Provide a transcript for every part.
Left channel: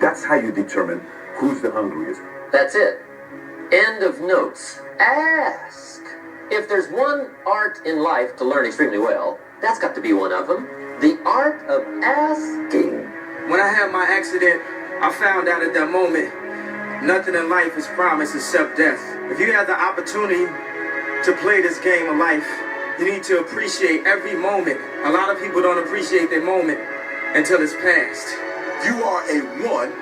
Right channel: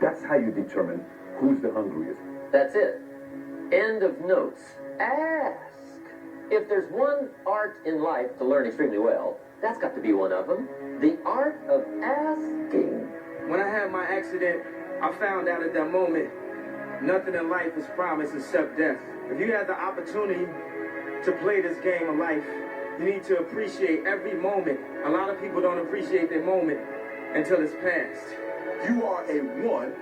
That's how you determine who's the hungriest. That's it. End of notes. Ask. If there's one art in life to learn extremely well, that's got to be one of them. The art of asking. When I had my accident, I found out at that moment, nothing in life is promised except death. If you have the opportunity to play this game of life, you need to appreciate every moment. A lot of people don't appreciate their moment until it's past. You are a 1,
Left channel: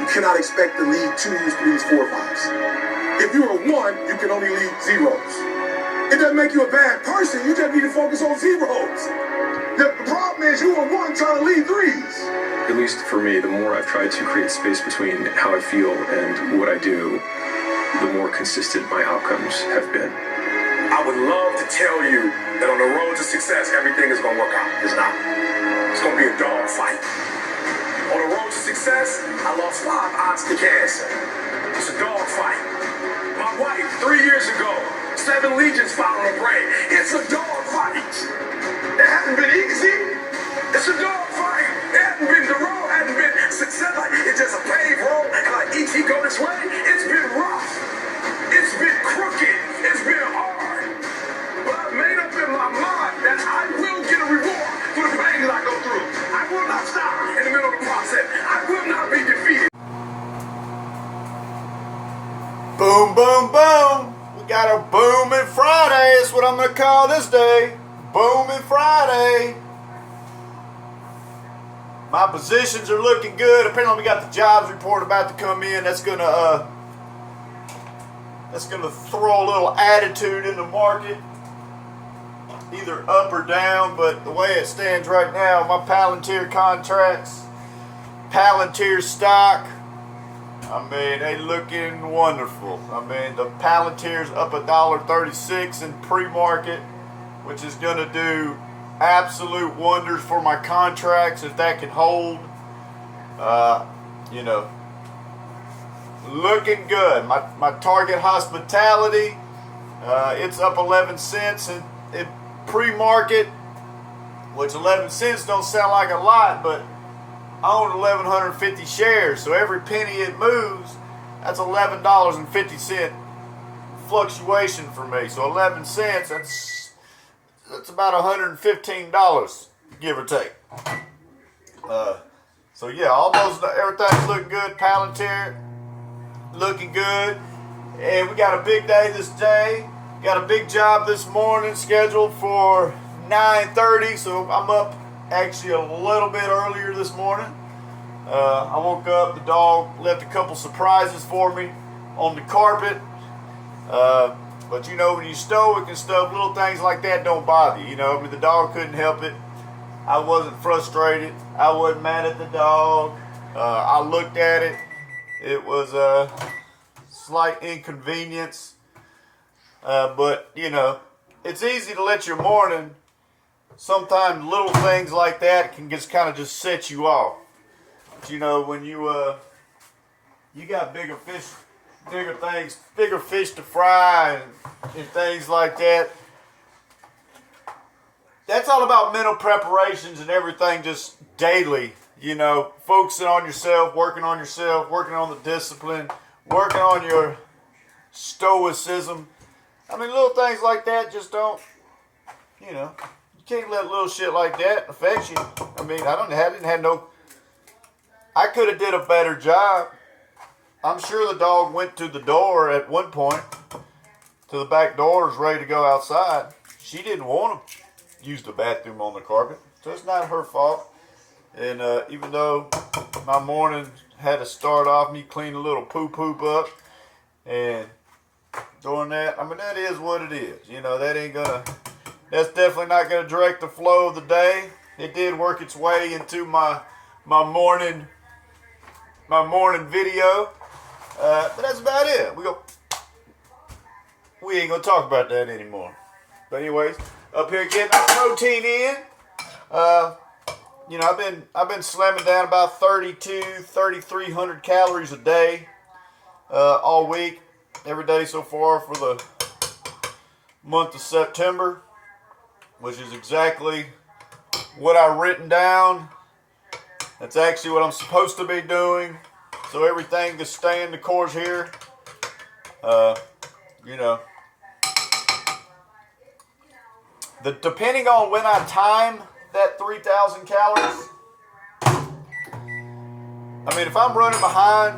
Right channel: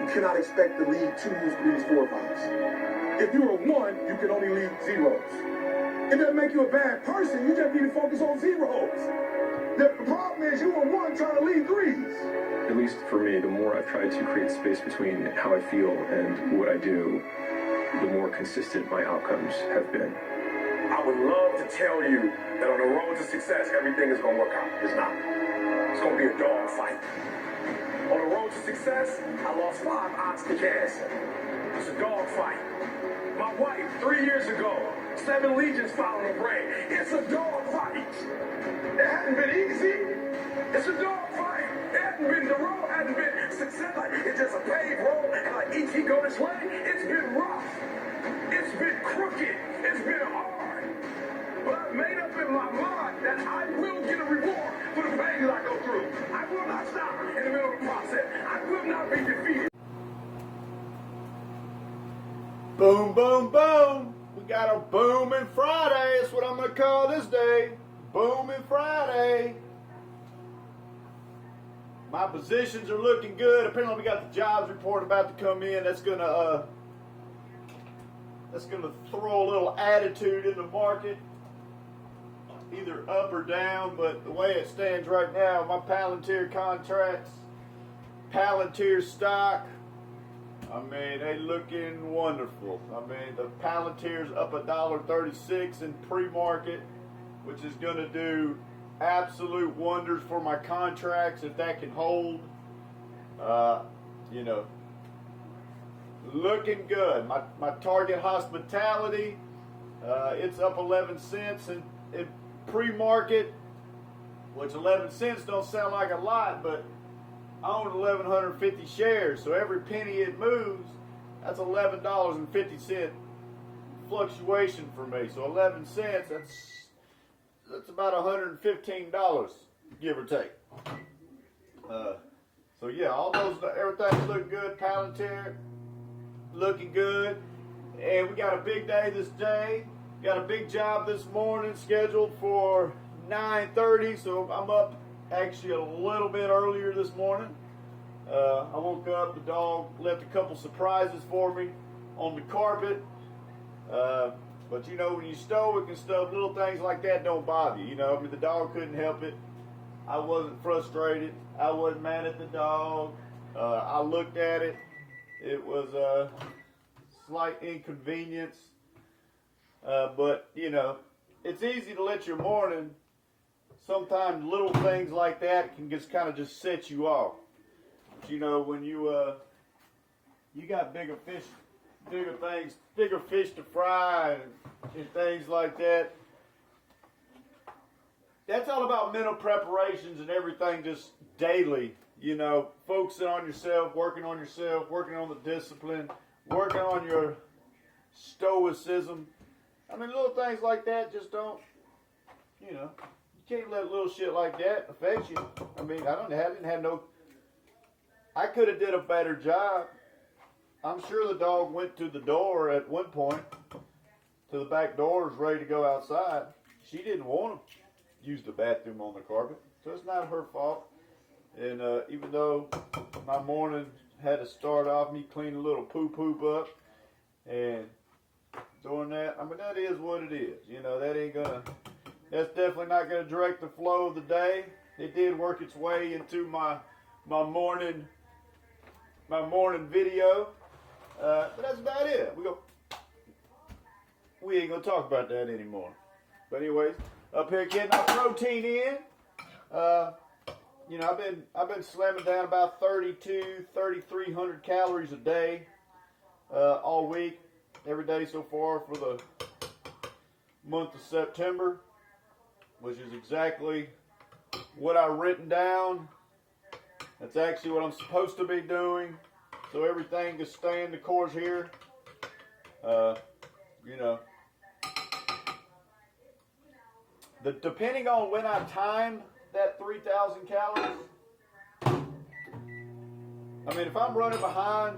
you cannot expect to lead 2s, 3s, 4, 5s. If you're a 1, you can only lead 0s. It doesn't make you a bad person, you just need to focus on 0s. The problem is you are 1 trying to lead 3s. At least for me, the more I've tried to create space between how I feel and what I do, the more consistent my outcomes have been. I would love to tell you that on the road to success, everything is going to work out. It's not. It's going to be a dog fight. On the road to success, I lost 5 aunts to cancer. It's a dog fight. My wife, 3 years ago, 7 legions found on her brain. It's a dog fight. It hasn't been easy. It's a dog fight. It hasn't been, the road hasn't been success. Like, it's just a paved road. And like E.T. go this way, it's been rough. It's been crooked. It's been hard. But I've made up in my mind that I will get a reward for the pain that I go through. I will not stop in the middle of the process. I will not be defeated. Boom, boom, boom. We got a booming Friday. That's what I'm going to call this day. Booming Friday. My positions are looking good. Apparently we got the jobs report about to come in. That's gonna throw a little attitude in the market, either up or down. But the way it stands right now, my Palantir contracts, Palantir stock, I mean, they looking wonderful. I mean, the Palantir's up $1.36 in pre-market, which is gonna do absolute wonders for my contracts if that can hold. You know, looking good. My Target Hospitality, it's up 11 cents in pre-market, which 11 cents don't sound like a lot, but I own 1,150 shares, so every penny it moves, that's $11.50 fluctuation for me. So 11 cents, that's about $115, give or take. So yeah, almost everything's looking good. Palantir looking good, and we got a big day this day. Got a big job this morning scheduled for 9:30, so I'm up actually a little bit earlier this morning. I woke up, the dog left a couple surprises for me on the carpet. But you know, when you're stoic and stuff, little things like that don't bother you. You know, I mean, the dog couldn't help it. I wasn't frustrated. I wasn't mad at the dog. I looked at it. It was a slight inconvenience. But, you know, it's easy to let your morning, sometimes little things like that can just kind of just set you off. But, you know, when you got bigger fish to fry and things like that. That's all about mental preparations and everything just daily, you know, focusing on yourself, working on the discipline, working on your stoicism. I mean, little things like that just don't, you know, you can't let little shit like that affect you. I mean, I could have did a better job. I'm sure the dog went to the door at one point, to the back door, was ready to go outside. She didn't want to use the bathroom on the carpet, so it's not her fault. And even though my morning had to start off me cleaning a little poop up and doing that, I mean, that is what it is. You know, that's definitely not gonna direct the flow of the day. It did work its way into my morning video. But that's about it. We ain't gonna talk about that anymore. But anyways, up here getting our protein in. You know, I've been slamming down about 3,300 calories a day, all week, every day so far for the month of September, which is exactly what I've written down That's actually what I'm supposed to be doing. So everything is staying the course here. You know, depending on when I time that 3,000 calories, I mean, if I'm running behind,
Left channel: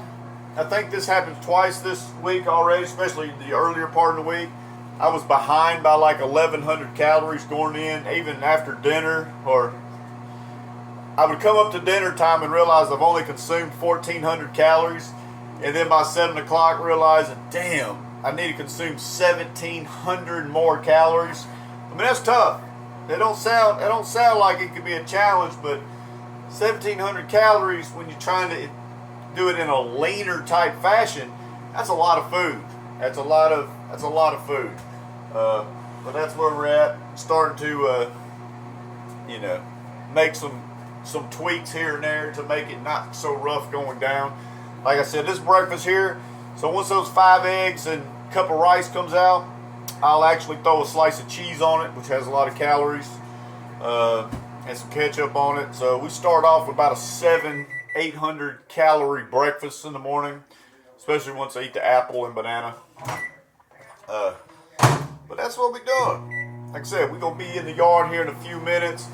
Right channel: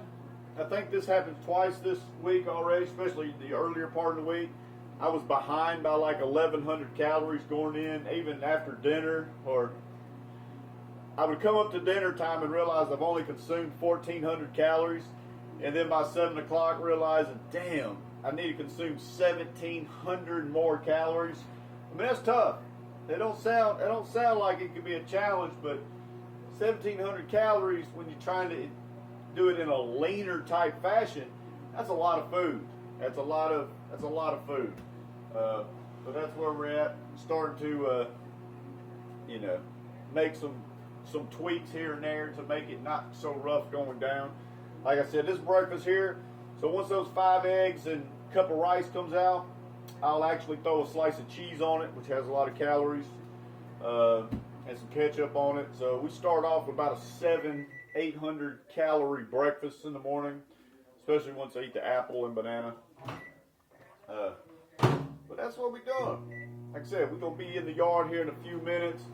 I think this happened twice this week already, especially the earlier part of the week. I was behind by like 1,100 calories going in, even after dinner, or I would come up to dinner time and realize I've only consumed 1,400 calories, and then by 7 o'clock realizing, damn, I need to consume 1,700 more calories. I mean, that's tough. It don't sound like it could be a challenge, but 1,700 calories when you're trying to do it in a leaner type fashion, that's a lot of food. That's a lot of food. But that's where we're at. Starting to, you know, make some tweaks here and there to make it not so rough going down. Like I said, this breakfast here. So once those 5 eggs and a cup of rice comes out, I'll actually throw a slice of cheese on it, which has a lot of calories, and some ketchup on it. So we start off with about a 700-800 calorie breakfast in the morning, especially once I eat the apple and banana. But that's what we're doing. Like I said, we're going to be in the yard here in a few minutes.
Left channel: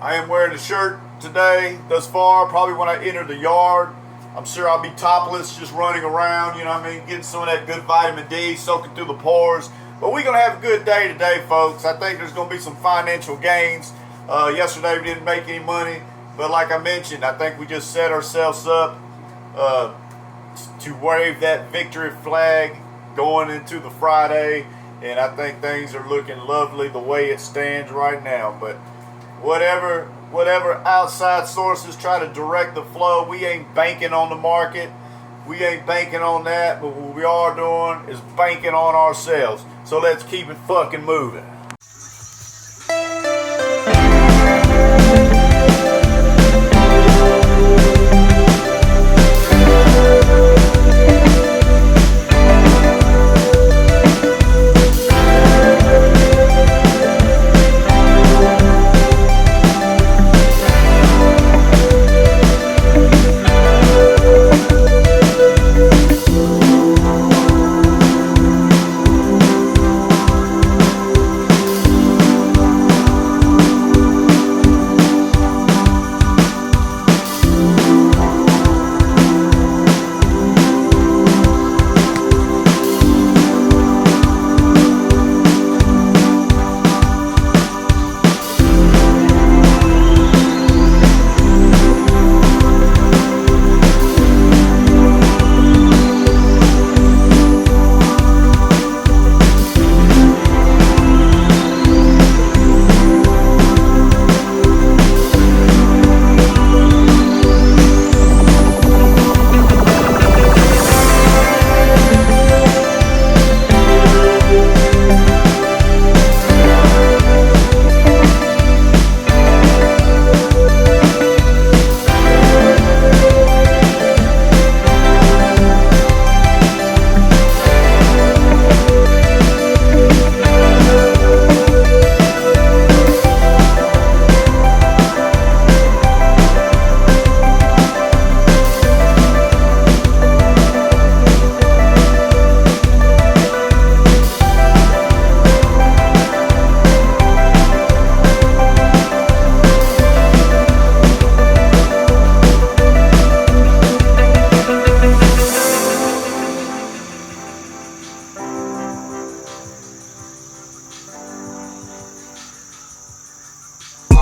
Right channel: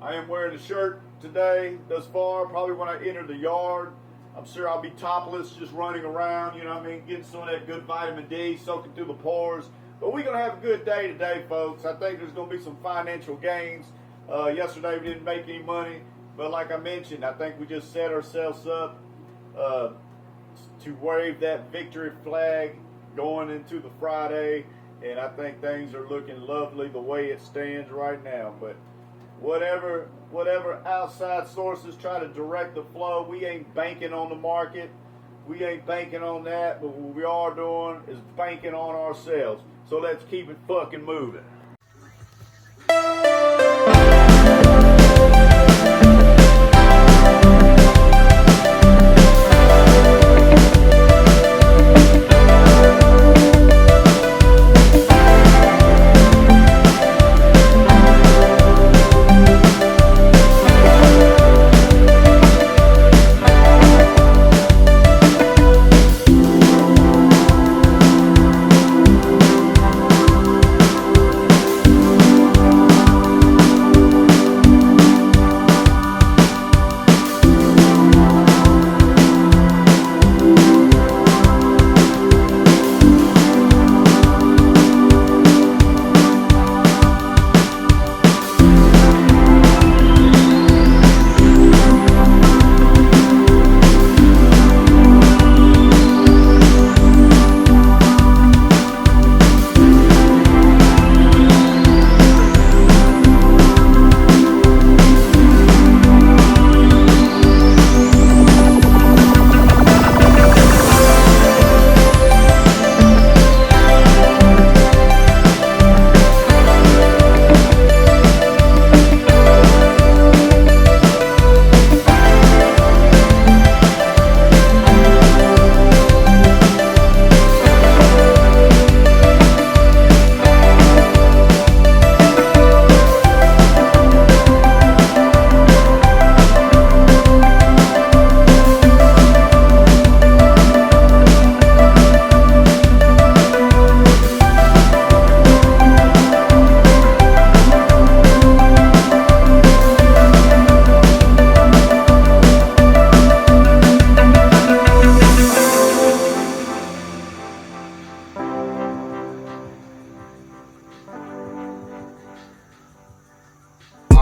I am wearing a shirt today thus far. Probably when I enter the yard, I'm sure I'll be topless, just running around, you know what I mean, getting some of that good vitamin D, soaking through the pores. But we're going to have a good day today, folks. I think there's going to be some financial gains. Yesterday we didn't make any money, but like I mentioned, I think we just set ourselves up to wave that victory flag going into the Friday, and I think things are looking lovely the way it stands right now. But whatever outside sources try to direct the flow, we ain't banking on the market. We ain't banking on that, but what we are doing is banking on ourselves. So let's keep it fucking moving.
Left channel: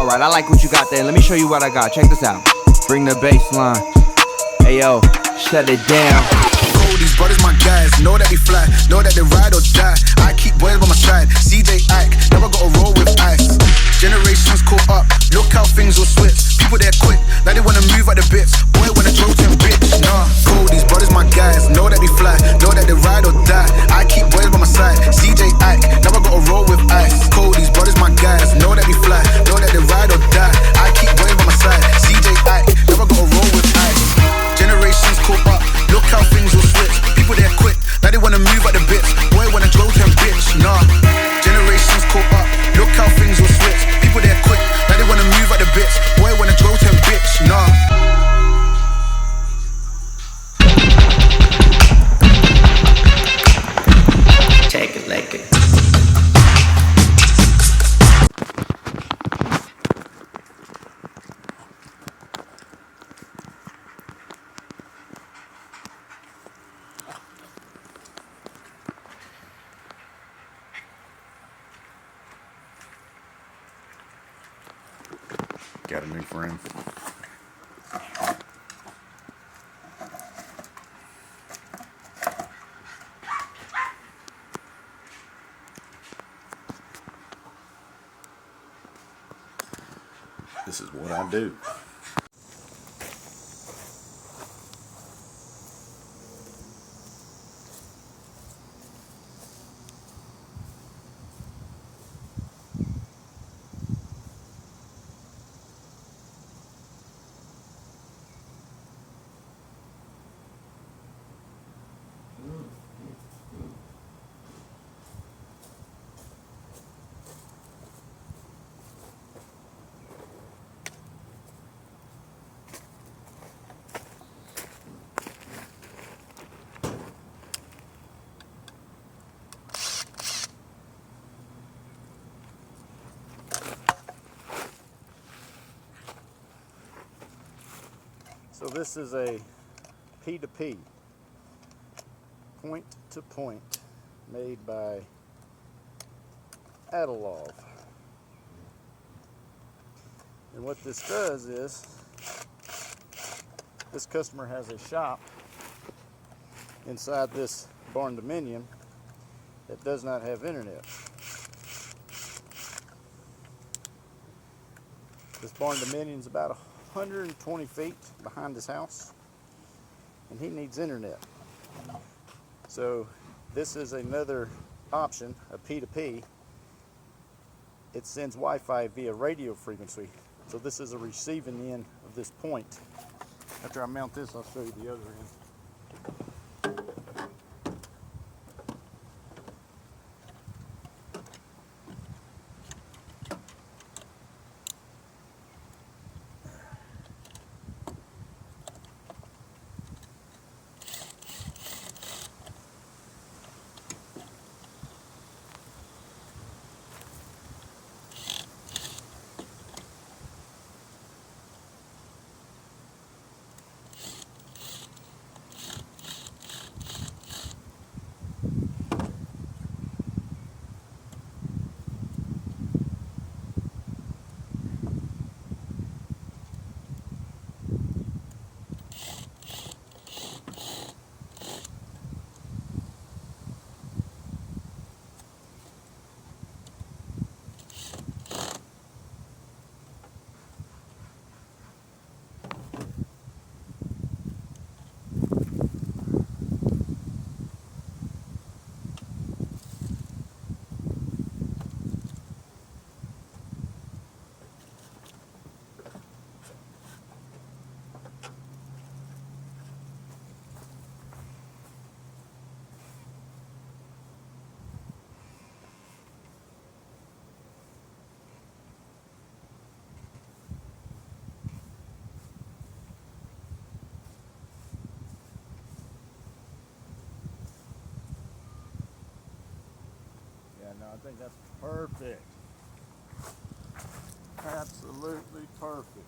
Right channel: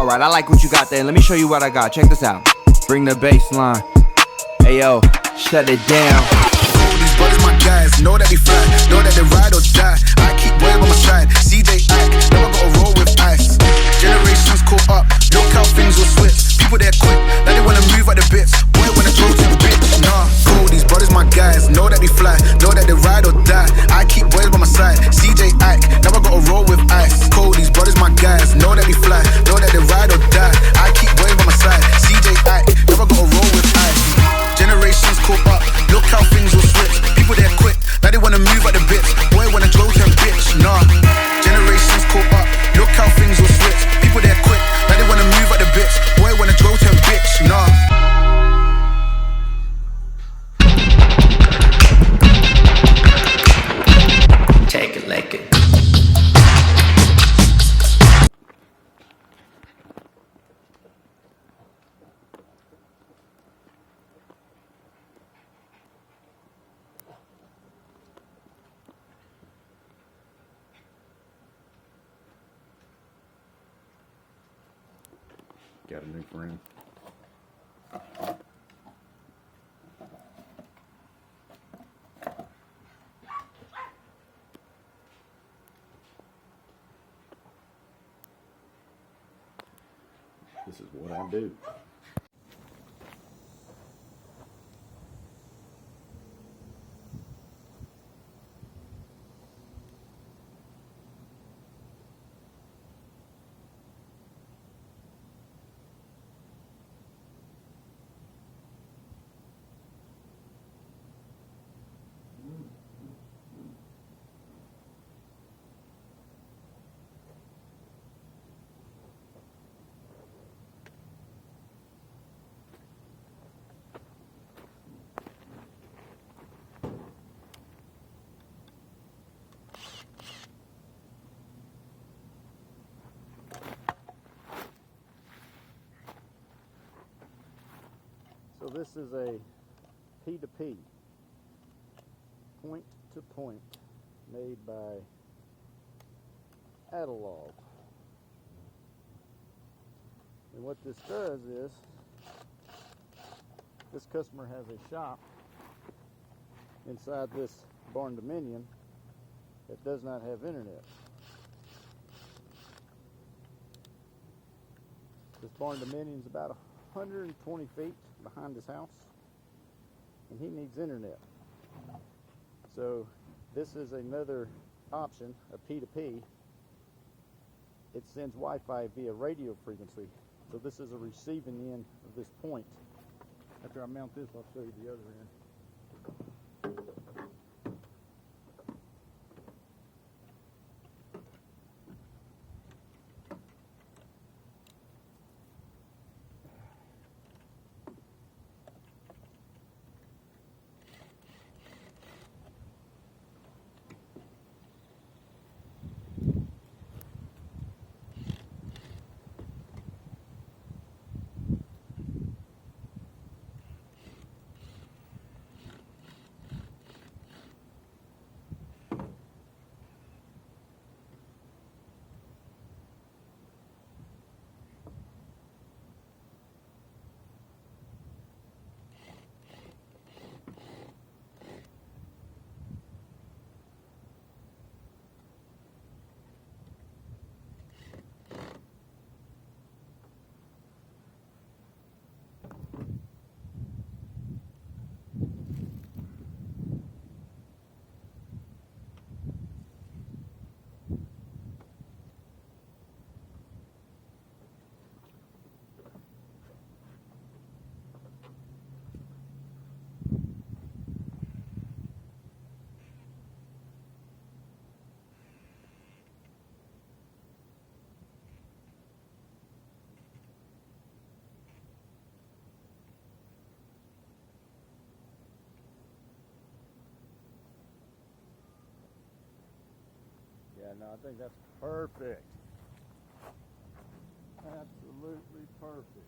Alright, I like what you got there. Let me show you what I got. Check this out. Bring the bass line. Hey yo, shut it down. All these brothers my guys, know that we fly, know that they ride or die. I keep boys by my side, CJ Ike, never gotta roll with ice. Generations caught up, look how things will switch. People there quick, now they wanna move at the bits. Boy wanna throw them bitch, nah. All these brothers my guys, know that we fly, know that they ride or die. I keep boys by my side, CJ Ike, never gotta roll with ice. Call these brothers my guys, know that we fly, know that they ride or die. I keep boys by my side, CJ Ike, never gotta roll with ice. Generations caught up, look how things will switch. People there quick, now they wanna move at the bits. Boy wanna throw them bitch, nah. Generations caught up, look how things will switch. People there quick, now they wanna move at the bits. Boy wanna throw them bitch, nah. Got a new friend. This is what I do. So this is a P2P, point to point, made by Adalov. And what this does is, this customer has a shop inside this barn dominium that does not have internet. This barn dominium is about 120 feet behind his house, and he needs internet. So this is another option, a P2P. It sends Wi-Fi via radio frequency. So this is a receiving end of this point. After I mount this, I'll show you the other end. No, I think that's perfect. Absolutely perfect.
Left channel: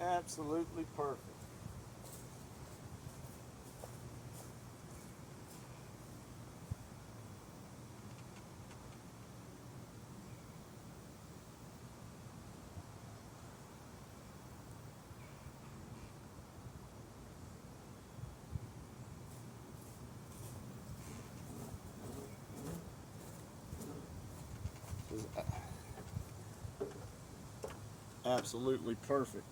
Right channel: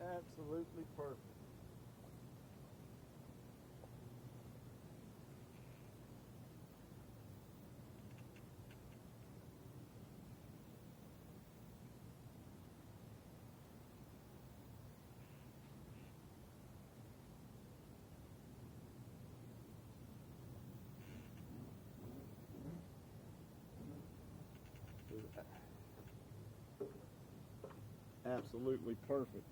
Absolutely perfect. Absolutely perfect.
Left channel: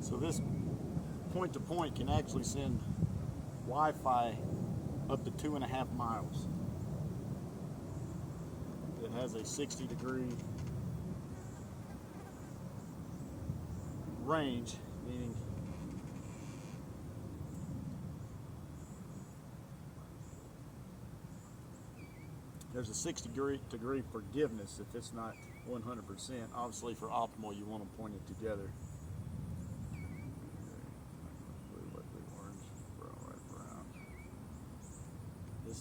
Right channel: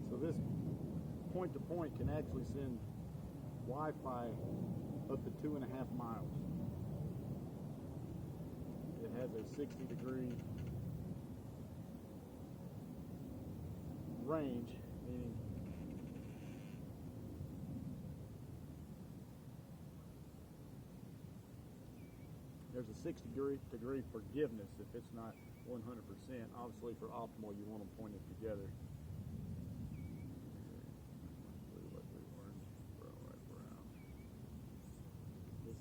So this point to point can actually send Wi-Fi up to 2.5 miles. It has a 60-degree range, meaning there's a 60-degree forgiveness if it's not 100%. Obviously, for optimal, you want them pointed together. Blue, white, blue, orange, brown, white, brown. This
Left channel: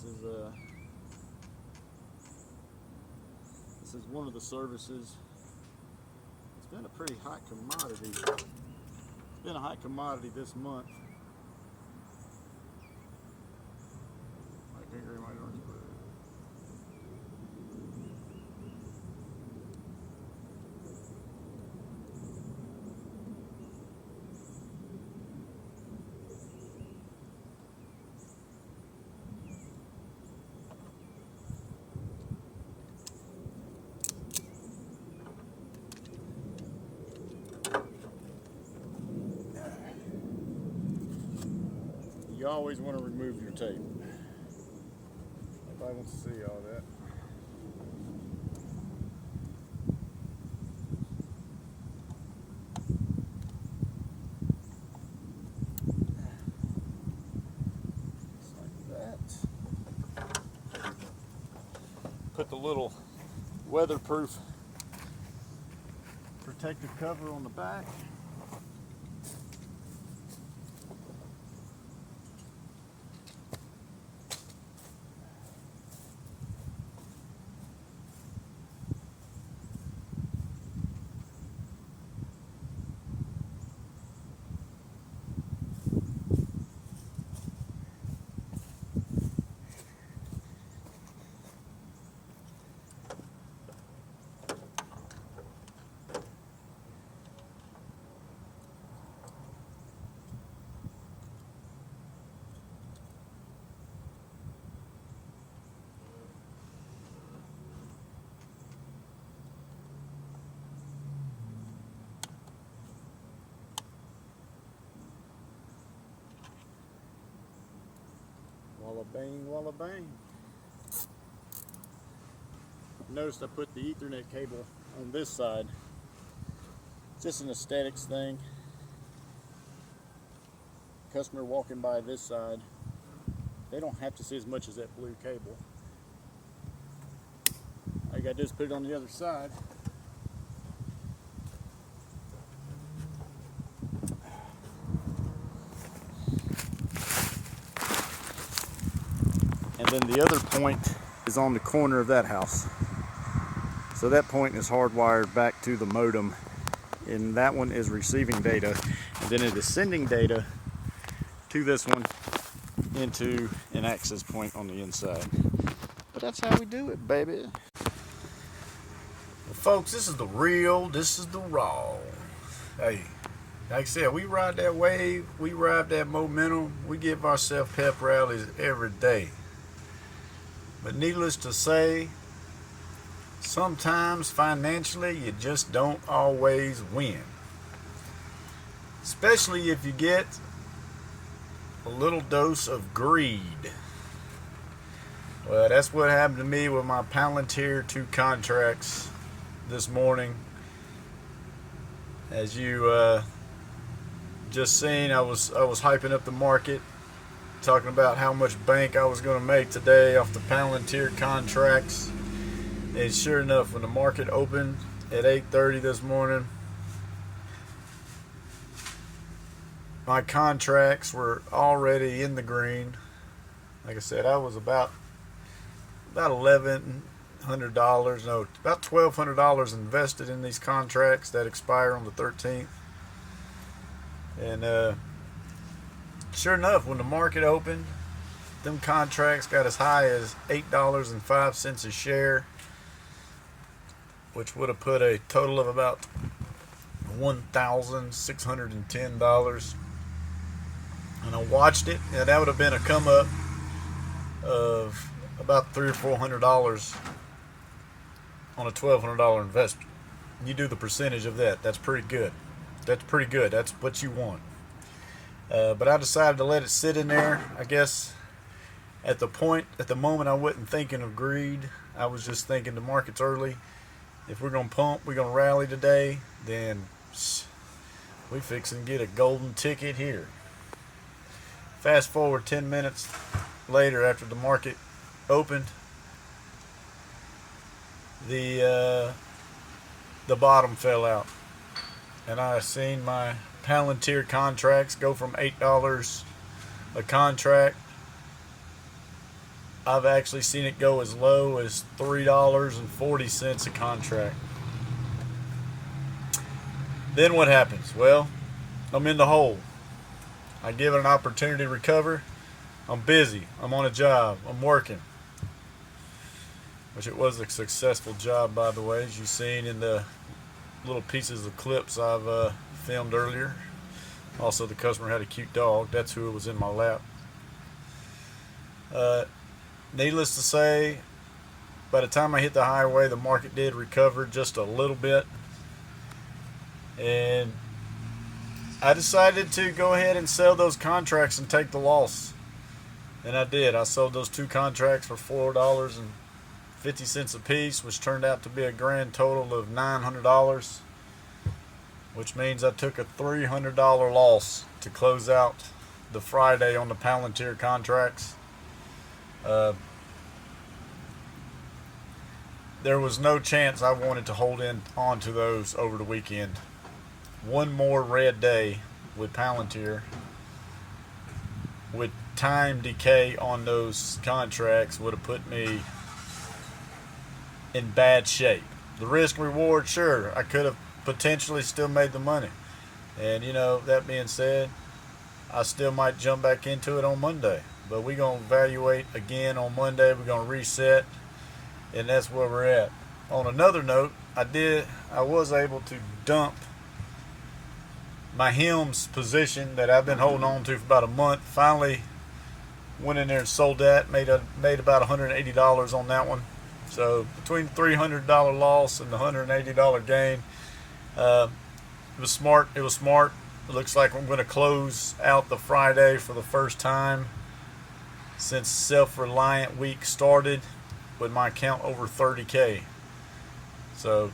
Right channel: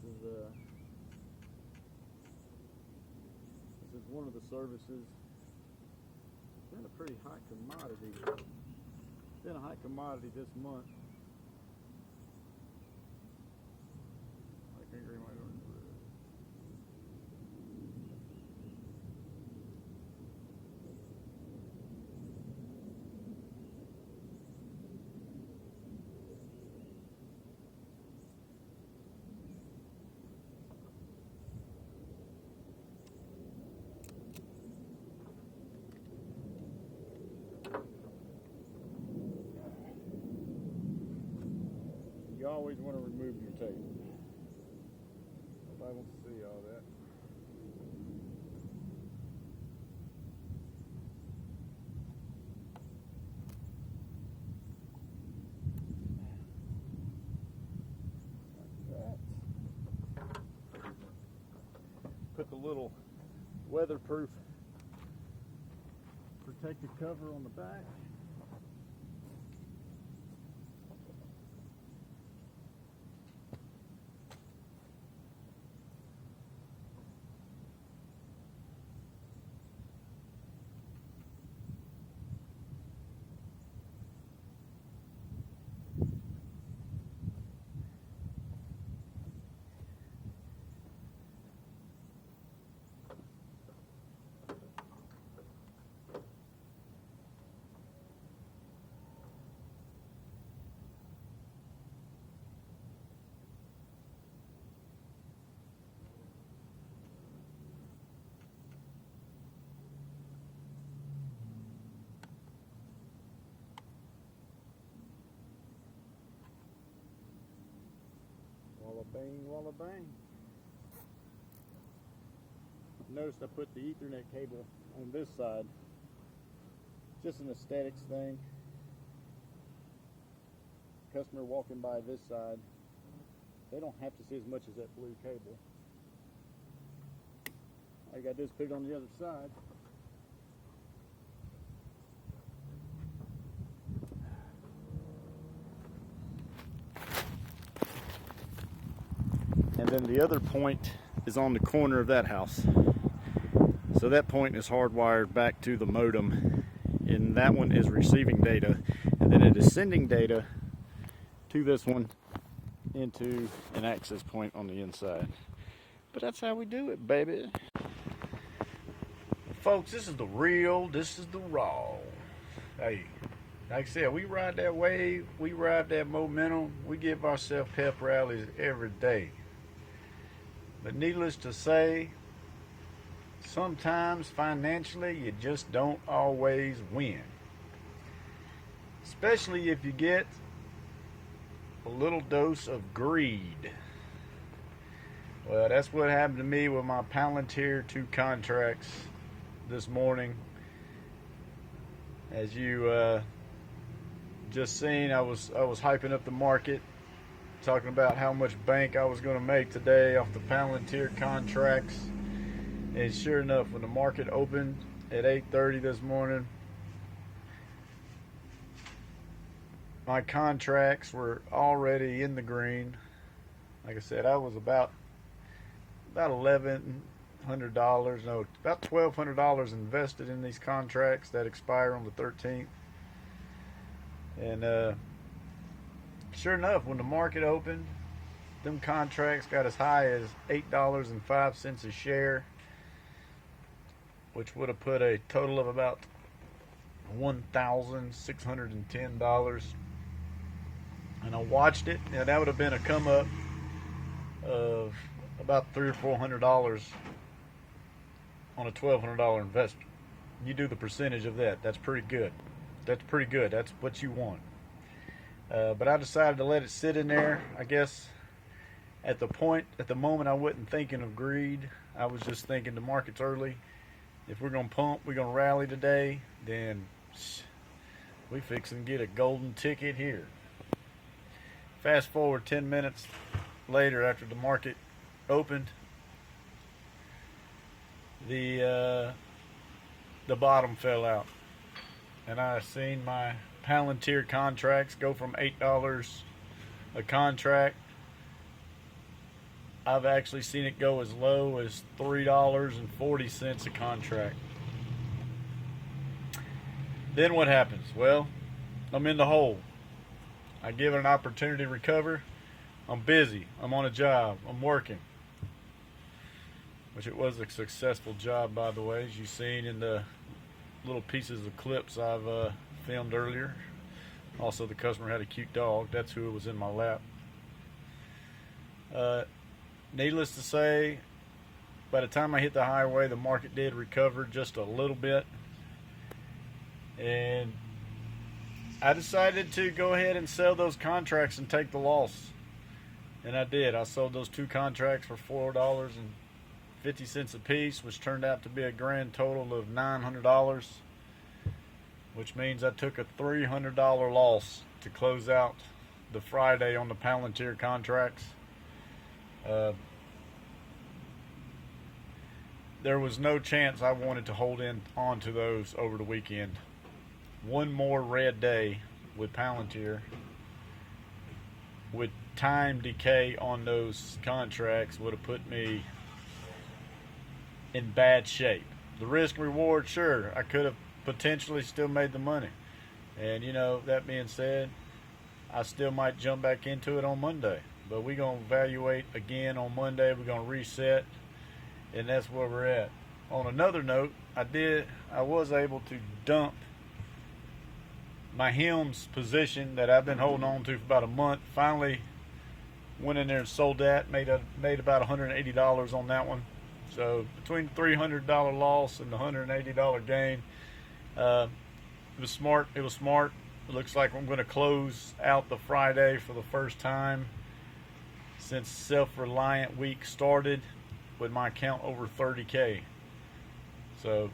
is one of the services. It's been a pretty hot commodity. It's been a hot commodity this month. You always want to remove your tape. Nobody wants to see all that. Just like that. Put the little weatherproof protective cover on the back. Walla bang, walla bang. Notice I put the Ethernet cable on this side. Just an aesthetics thing. Customer walking by this side, they don't have to see as much as that blue cable. All you gotta do is put it on the other side. And then the other point is on the corner of that house. So that point is hardwired back to the modem, and that one is receiving data, and then it is sending data to this one into an access point on the inside. But that's how we do it, baby. Folks, this is the real, this is the raw. Hey, like I said, we ride that wave, we ride that momentum, we give ourselves pep rallies every day. But needless to say, sometimes financially you just don't always win. Especially if you get a little dose of greed. Well, that's what happened to me with my Palantir 2 contracts this morning. As you just seen, I was hyping up the market, talking about how much bank I was going to make today off the Palantir contracts. And sure enough, when the market opened at 8:30 this morning, my contracts were already in the green. Like I said, I was about $1,100, no, about $1,200 invested in these contracts that expire on the 13th. And sure enough, when the market opened, them contracts got as high as $8.05 a share, which would have put a total of about $1,610. And I watched it, and that would have been a come up of about $300 or $400 on a $1,200 investment. You do the percentage of that. That's pretty good. That's pretty good. That's what you want. But I decided to let it sit in there. I guess at the moment, I wasn't thinking of greed. I was just thinking the market's early. If we're gonna pump, we're gonna rally today, then we fixing to get a golden ticket here. Fast forward 10 minutes later, after the market opened, the bottom fell out, and I seen my Palantir contracts go from $8 a contract. I've actually seen it go as low as $3.40 a contract. Then what happens? Well, I'm in the hole. I give it an opportunity to recover. I'm busy. I'm on a job. I'm working. Which it was a successful job, by the way, as you've seen in the little pieces of clips I've filmed earlier. Also, the customer had a cute dog. That's who was in my lap. Needless to say, by the time I hit the highway, the market did recover just a little bit. And I decided to go ahead and sell those contracts and take the loss. And I did. I sold those 2 contracts for $4.50 a piece, which turned out to be a grand total of $900, which means I took a $300 loss to close out the Friday on the Palantir contracts. There was no chance I wanted to hold on to those over the weekend. One more red day with Palantir, with time decay on those contracts, would have put me in bad shape. The risk reward, sure, I could have potentially still made the money. And that being said, I still might jump back into it on Monday. But we're going to evaluate again on Monday. We're going to reset, and that's where we're at. On another note, I was able to dump my HIMS position that I've been holding on to for about a month. Finally went in there and sold that. Made about $180 on that one. So between the $300 loss and the $180 gain, it was smart. It looks like I'm going to close out the Friday for the first time since Self-Reliant Week started with my account over 30K. So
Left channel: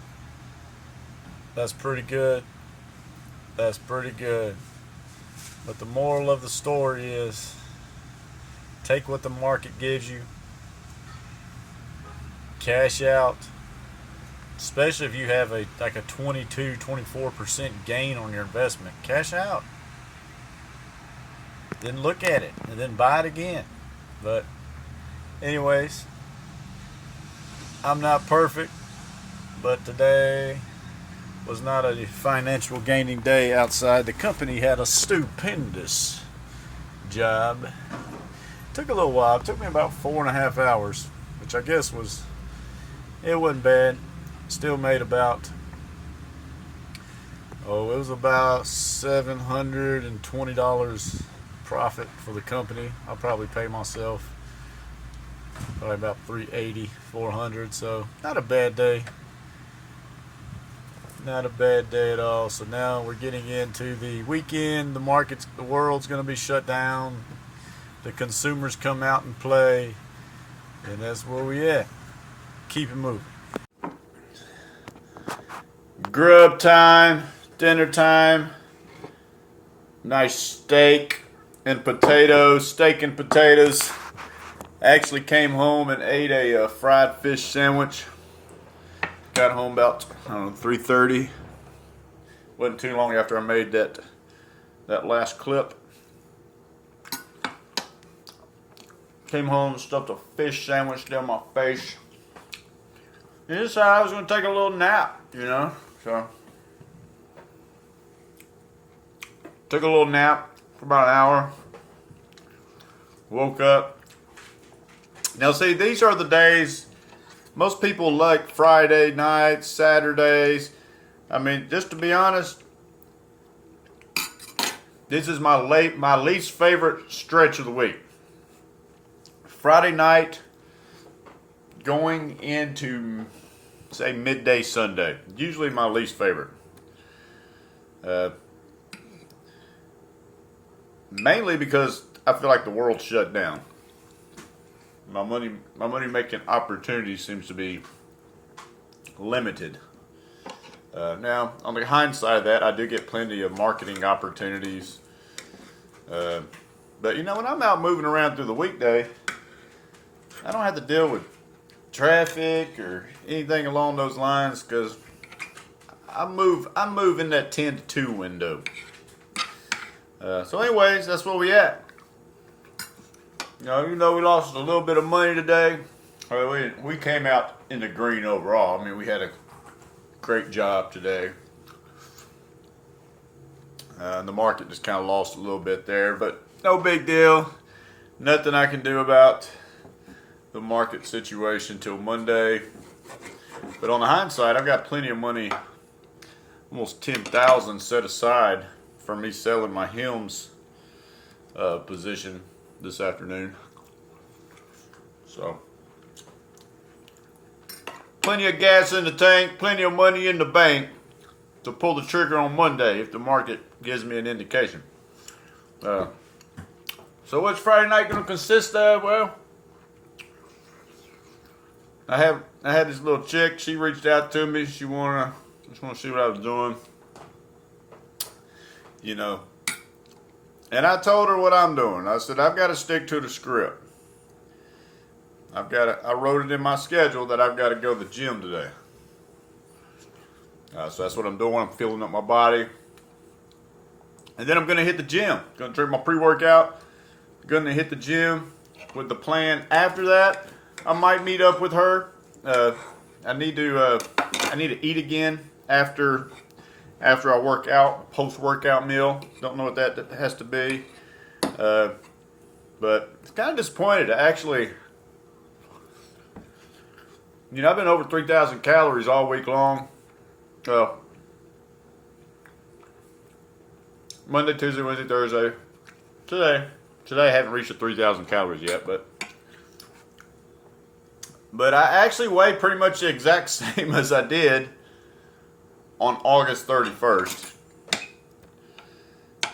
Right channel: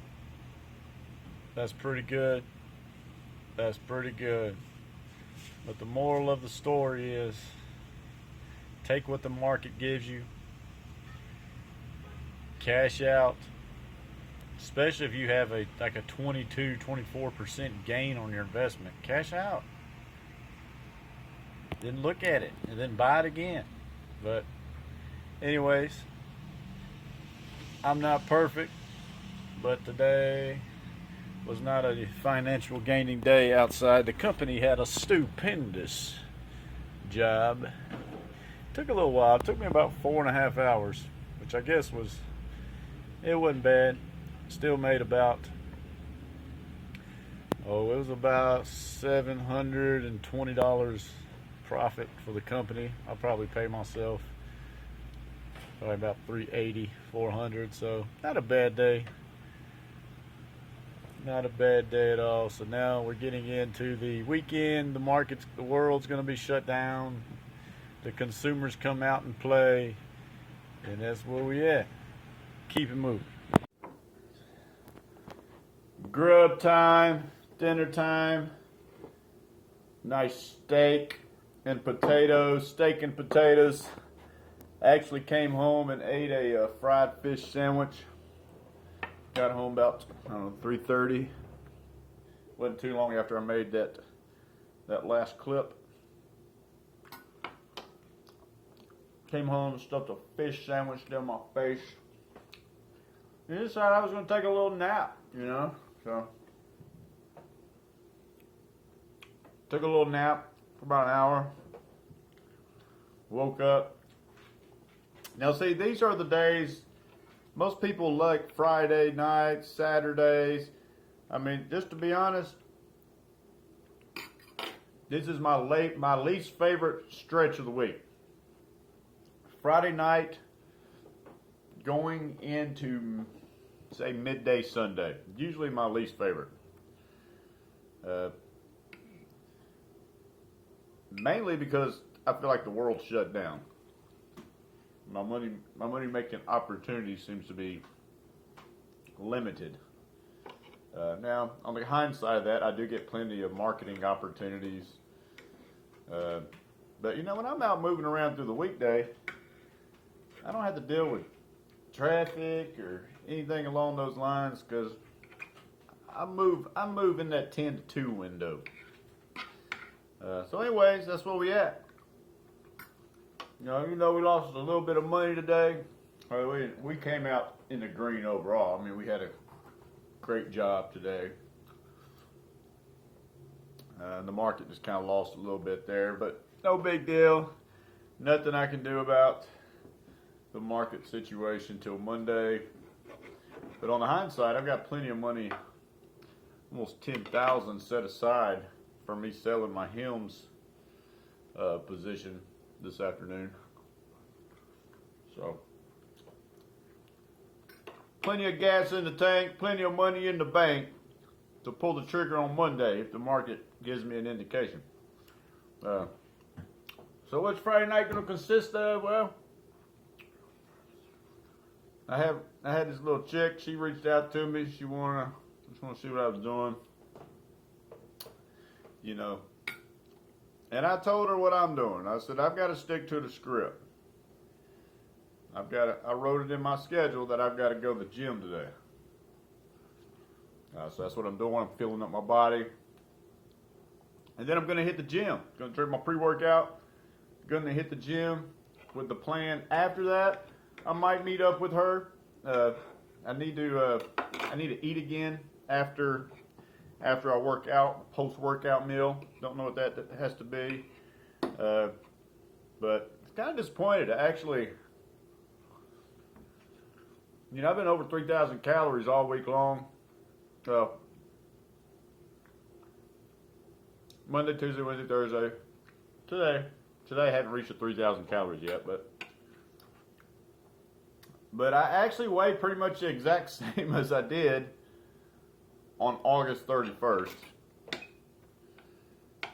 that's pretty good. That's pretty good. But the moral of the story is, take what the market gives you. Cash out. Especially if you have a 22-24% gain on your investment. Cash out. Then look at it and then buy it again. But anyways, I'm not perfect, but today was not a financial gaining day outside. The company had a stupendous job. Took a little while. It took me about 4.5 hours, which I guess it wasn't bad. Still made about, it was about $720 profit for the company. I'll probably pay myself probably about $380, $400. So not a bad day. Not a bad day at all. So now we're getting into the weekend. The world's going to be shut down. The consumers come out and play, and that's where we at. Keep it moving. Grub time, dinner time. Nice steak and potatoes. Steak and potatoes. Actually came home and ate a fried fish sandwich. Got home about 3:30. Wasn't too long after I made that last clip. Came home, stuffed a fish sandwich down my face. And decided I was going to take a little nap, So took a little nap for about an hour. Woke up. Now see, these are the days most people like Friday nights, Saturdays. I mean, just to be honest, this is my least favorite stretch of the week. Friday night going into, say, midday Sunday. Usually my least favorite. Mainly because I feel like the world's shut down. My money making opportunity seems to be limited. Now, on the hindsight of that, I do get plenty of marketing opportunities. But when I'm out moving around through the weekday, I don't have to deal with traffic or anything along those lines, because I move in that 10 to 2 window. So anyways, that's where we at. Even though we lost a little bit of money today, we came out in the green overall. I mean, we had a great job today. The market just kind of lost a little bit there, but no big deal. Nothing I can do about the market situation till Monday. But on the hindsight, I've got plenty of money, almost 10,000 set aside for me selling my hymns position this afternoon. So, plenty of gas in the tank, plenty of money in the bank to pull the trigger on Monday if the market gives me an indication. So what's Friday night going to consist of? Well, I had this little chick. She reached out to me. She just want to see what I was doing. And I told her what I'm doing. I said, I've got to stick to the script. I wrote it in my schedule that I've got to go to the gym today. So that's what I'm doing. I'm filling up my body. And then I'm going to hit the gym. Going to drink my pre-workout. Going to hit the gym with the plan. After that, I might meet up with her. I need to eat again after I work out, post-workout meal. Don't know what that has to be. But it's kind of disappointed. Actually, I've been over 3,000 calories all week long. Monday, Tuesday, Wednesday, Thursday. Today I haven't reached the 3,000 calories yet, but I actually weigh pretty much the exact same as I did on August 31st.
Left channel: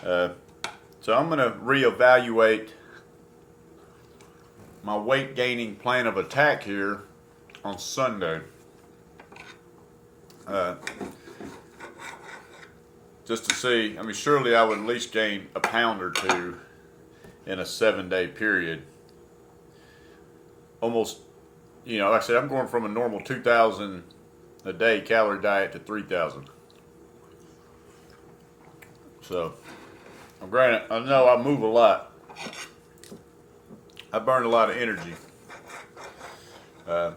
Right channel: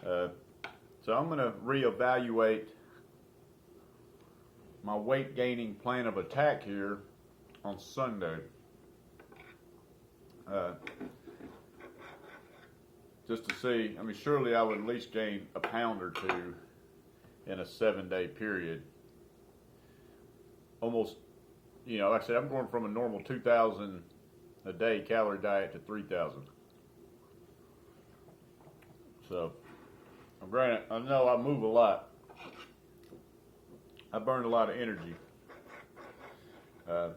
So I'm going to reevaluate my weight gaining plan of attack here on Sunday. Just to see, surely I would at least gain a pound or two in a 7-day period. Almost, like I said, I'm going from a normal 2,000 a day calorie diet to 3,000. So, granted, I know I move a lot. I burn a lot of energy.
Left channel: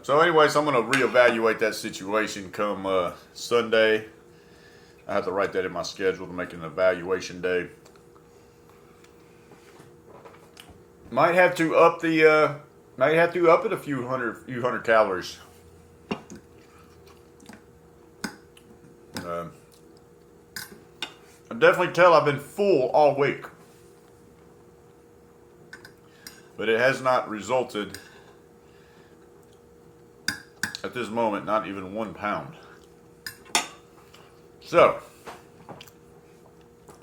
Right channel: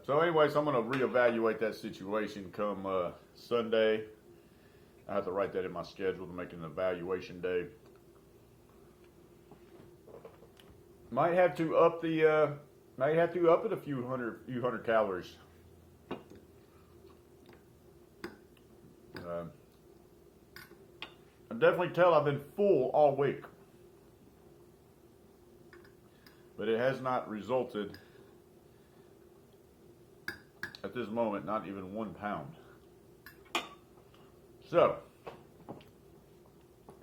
So anyways, I'm going to reevaluate that situation come Sunday. I have to write that in my schedule to make an evaluation day. Might have to up it a few hundred calories. I definitely tell I've been full all week, but it has not resulted at this moment, not even 1 pound. So,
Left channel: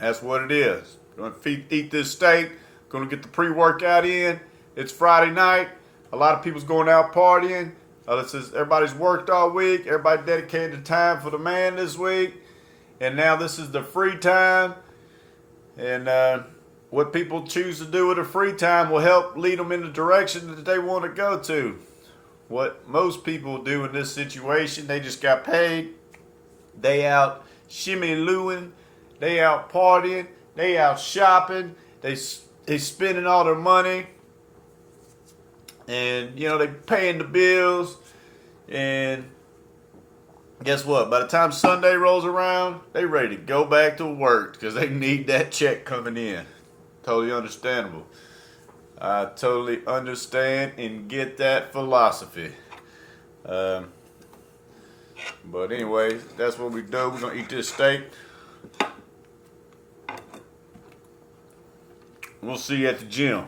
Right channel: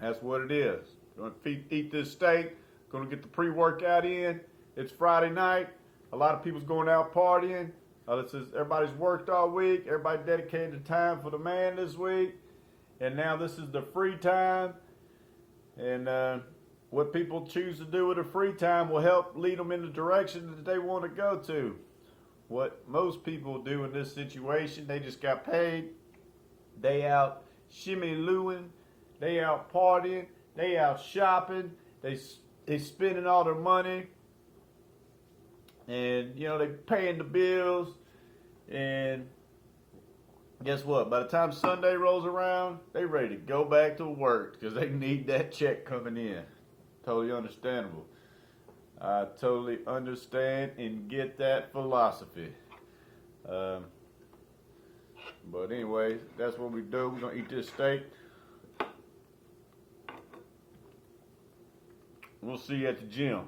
that's what it is. Going to eat this steak. Going to get the pre-workout in. It's Friday night. A lot of people's going out partying. Everybody's worked all week. Everybody dedicated time for the man this week. And now this is the free time. And what people choose to do with the free time will help lead them in the direction that they want to go to. What most people do in this situation, they just got paid. They out shimmy-looing. They out partying. They out shopping. They spending all their money. And, they paying the bills. And guess what? By the time Sunday rolls around, they ready to go back to work because they need that check coming in. Totally understandable. I totally understand and get that philosophy. But anyway, that's what we do. We're going to eat this steak. We'll see you at the gym.